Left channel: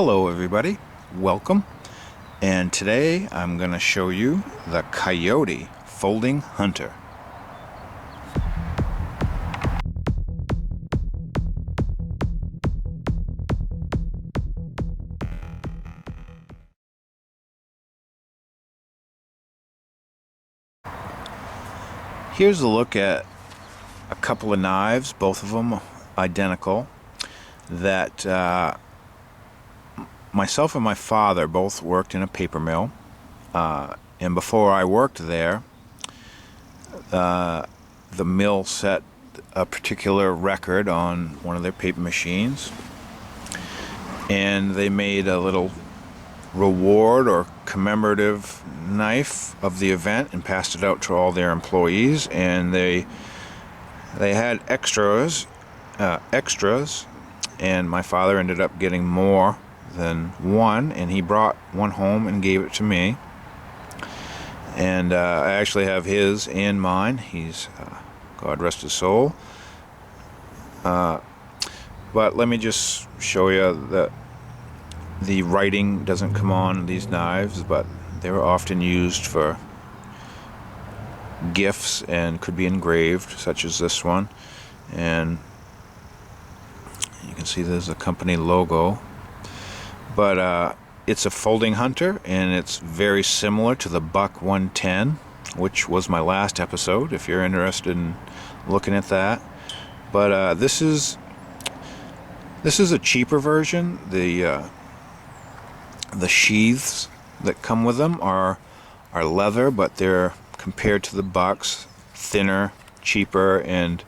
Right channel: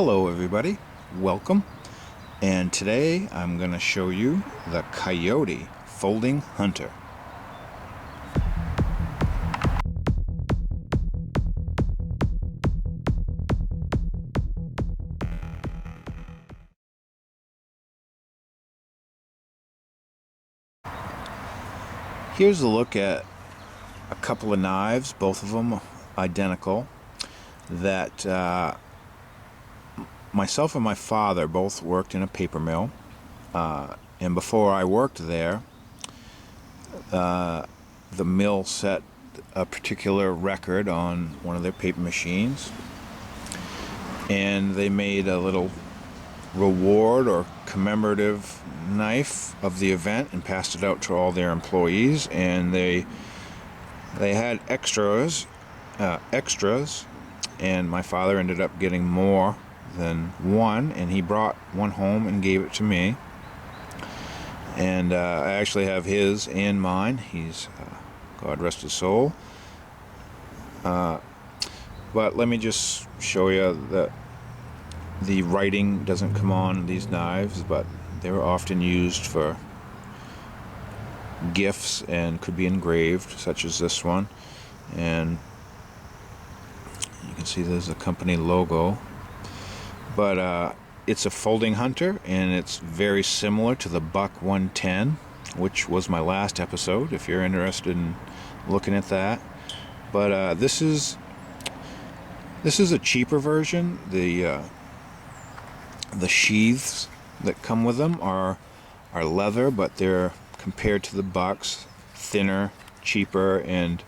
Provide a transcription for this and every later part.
Hello everybody, welcome, and today I'm going to show you the Coyote Folding Hunter. Here's a look at a couple of knives, both of them identical, that myself and my father both worked in a paper mill, and before I worked there, the mill set a particular record on one of their paper machines, and they made a little reward or commemorative knife of the event and passed it out to all their employees. And they had extras, and my father ended up getting more than one, and he brought one home and gave it to me. And I actually have his and mine. He's God rest his soul. But let me just show you that the writing doesn't come on these knives, but they were often used for gifts and could be engraved, such as this one. And you can see there's a company logo. But it's a folding hunter, and it's very similar to the Buck 110, which was my last episode, if you're interested in looking at that. But this is a cheaper version. The sheaths that come with them are leather, but they're, compared to the Bucks, thinner, cheaper, and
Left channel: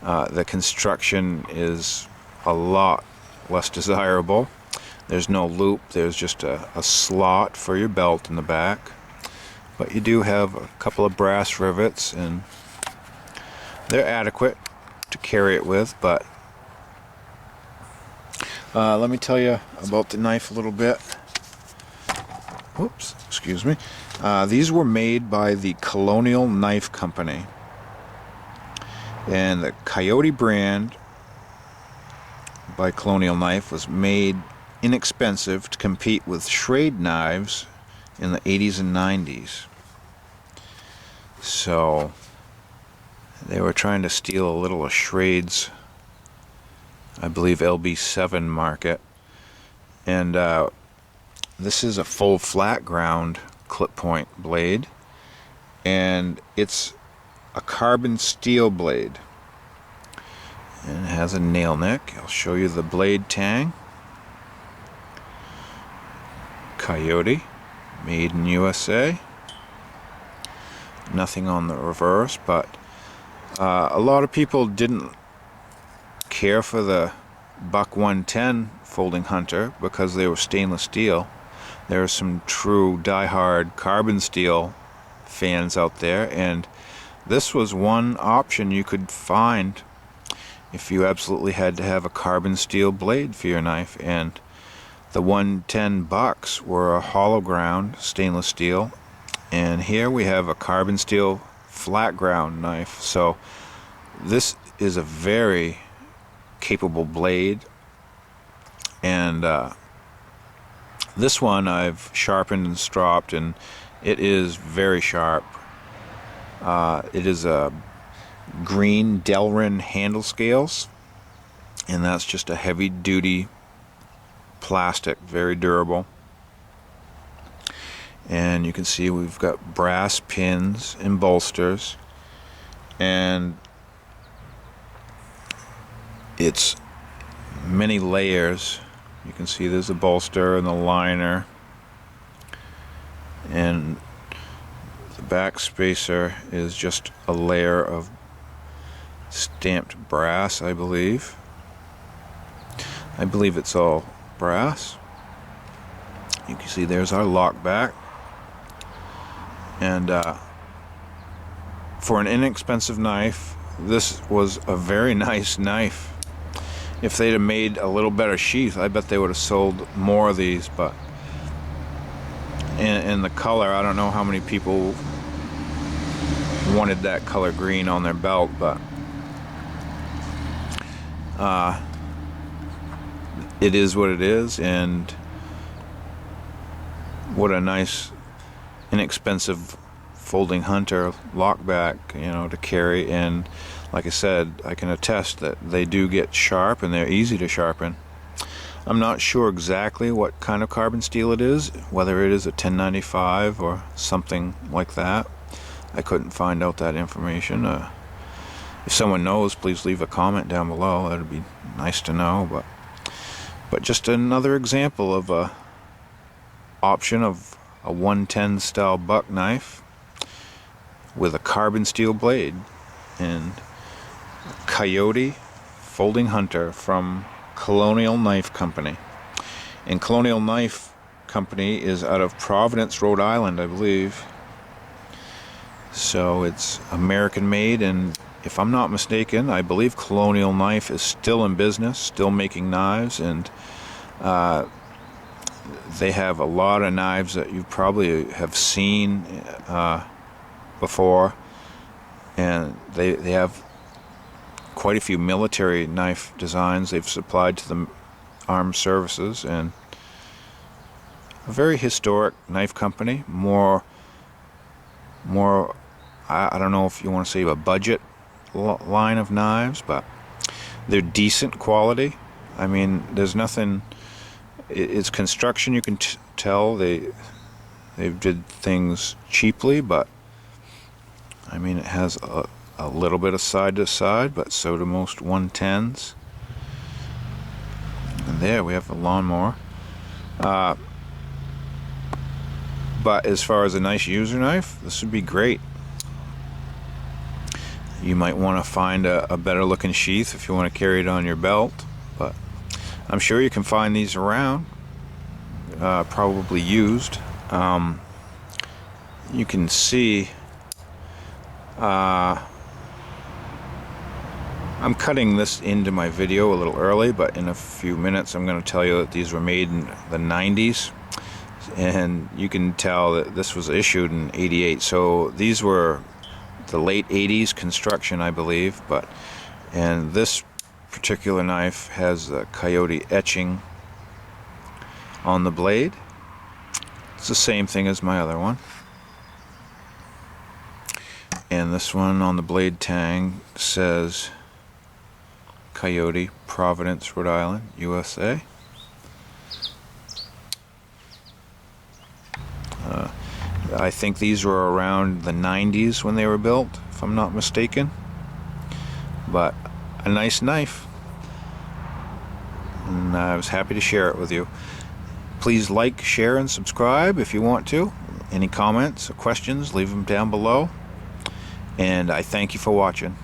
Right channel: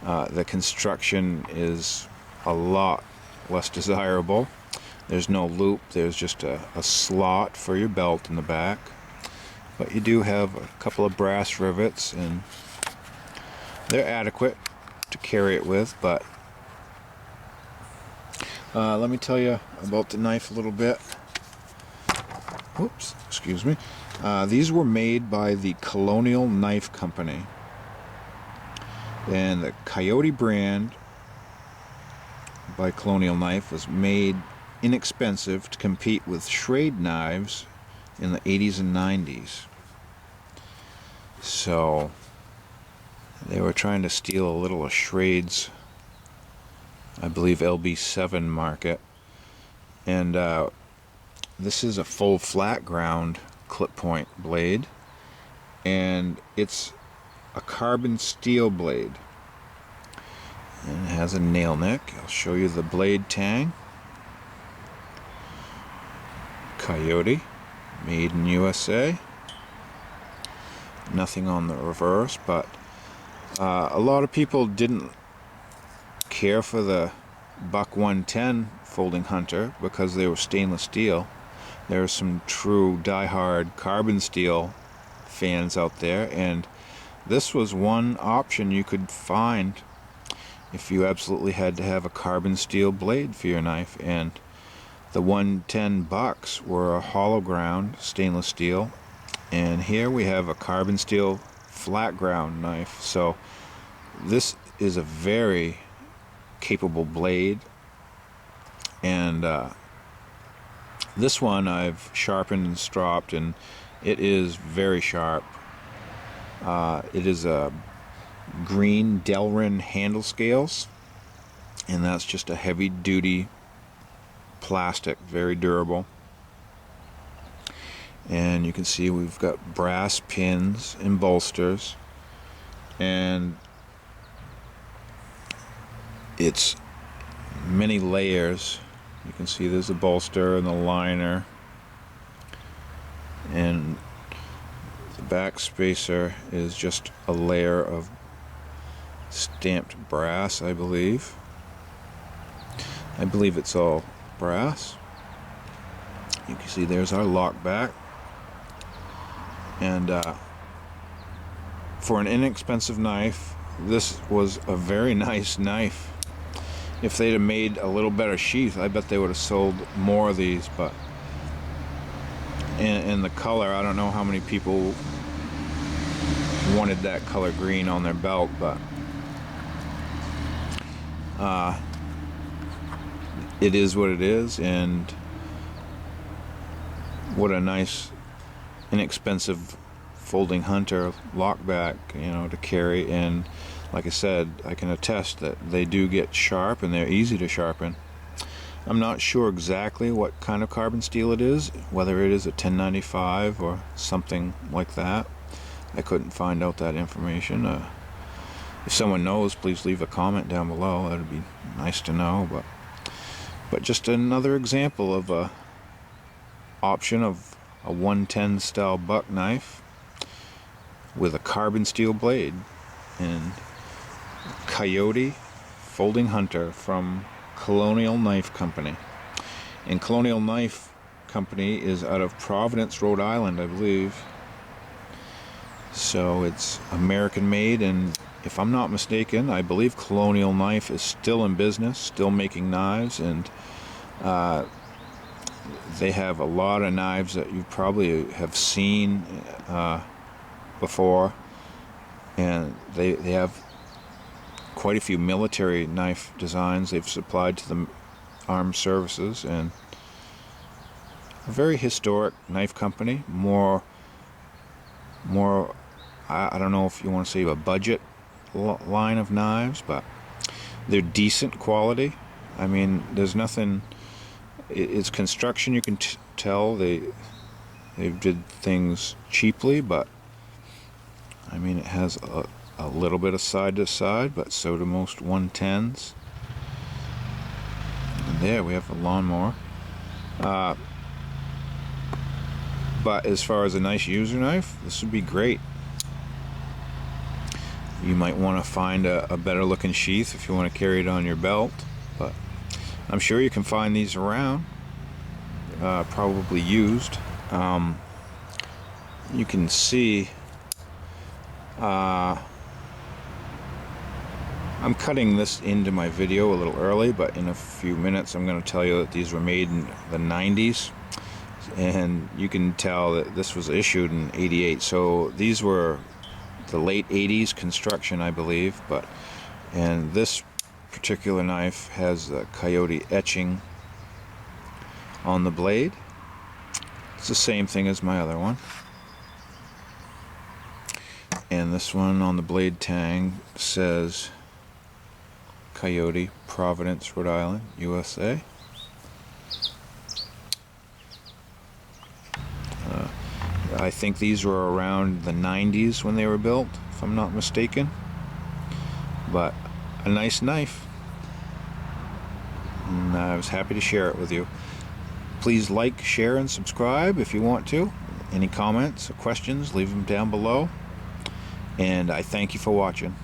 the construction is a lot less desirable. There's no loop, there's just a slot for your belt in the back. But you do have a couple of brass rivets, and they're adequate to carry it with. But let me tell you about the knife a little bit. Whoops, excuse me. These were made by the Colonial Knife Company. And the Coyote brand by Colonial Knife was made inexpensive to compete with Schrade knives in the 80s and 90s. So they were trying to steal a little of Schrade's, I believe, LB7 market. And this is a full flat ground clip point blade, and it's a carbon steel blade, and it has a nail neck. I'll show you the blade tang. Coyote, made in U.S.A. Nothing on the reverse, but a lot of people didn't care for the Buck 110 Folding Hunter because they were stainless steel. There are some true die-hard carbon steel fans out there, and this was one option you could find if you absolutely had to have a carbon steel blade for your knife. And the 110 Bucks were a hollow ground stainless steel, and here we have a carbon steel flat ground knife. So this is a very capable blade, and this one I've sharpened and stropped, and it is very sharp. It is a green Delrin handle scales, and that's just a heavy duty plastic, very durable. And you can see we've got brass pins and bolsters, and it's many layers. You can see there's a bolster and the liner, and the back spacer is just a layer of stamped brass, I believe. I believe it's all brass. You can see there's our lockback, and for an inexpensive knife, this was a very nice knife. If they'd have made a little better sheath, I bet they would have sold more of these. But in the color, I don't know how many people wanted that color green on their belt, but it is what it is, and what a nice, inexpensive folding hunter lockback, you know, to carry. And like I said, I can attest that they do get sharp and they're easy to sharpen. I'm not sure exactly what kind of carbon steel it is, whether it is a 1095 or something like that. I couldn't find out that information. If someone knows, please leave a comment down below. That would be nice to know. But just another example of a option of a 110 style buck knife with a carbon steel blade, and Coyote Folding Hunter from Colonial Knife Company. And Colonial Knife Company is out of Providence, Rhode Island, I believe. So it's American made, and if I'm not mistaken, I believe Colonial Knife is still in business, still making knives, and they have a lot of knives that you probably have seen before, and they have quite a few military knife designs they've supplied to the armed services, and a very historic knife company. More I don't know if you want to say a budget line of knives, but they're decent quality. I mean, there's nothing, it's construction, you can tell they did things cheaply, but I mean, it has a little bit of side to side, but so do most 110s. And there we have a lawnmower. But as far as a nice user knife, this would be great. You might want to find a better looking sheath if you want to carry it on your belt, but I'm sure you can find these around, probably used. You can see I'm cutting this into my video a little early, but in a few minutes I'm going to tell you that these were made in the 90s, and you can tell that this was issued in 88. So these were the late 80s construction, I believe. And this particular knife has the Coyote etching on the blade. It's the same thing as my other one. And this one on the blade tang says Coyote, Providence, Rhode Island, U.S.A. I think these were around the 90s when they were built, if I'm not mistaken. But a nice knife, and I was happy to share it with you. Please like, share, and subscribe if you want to. Any comments or questions, leave them down below. And I thank you for watching.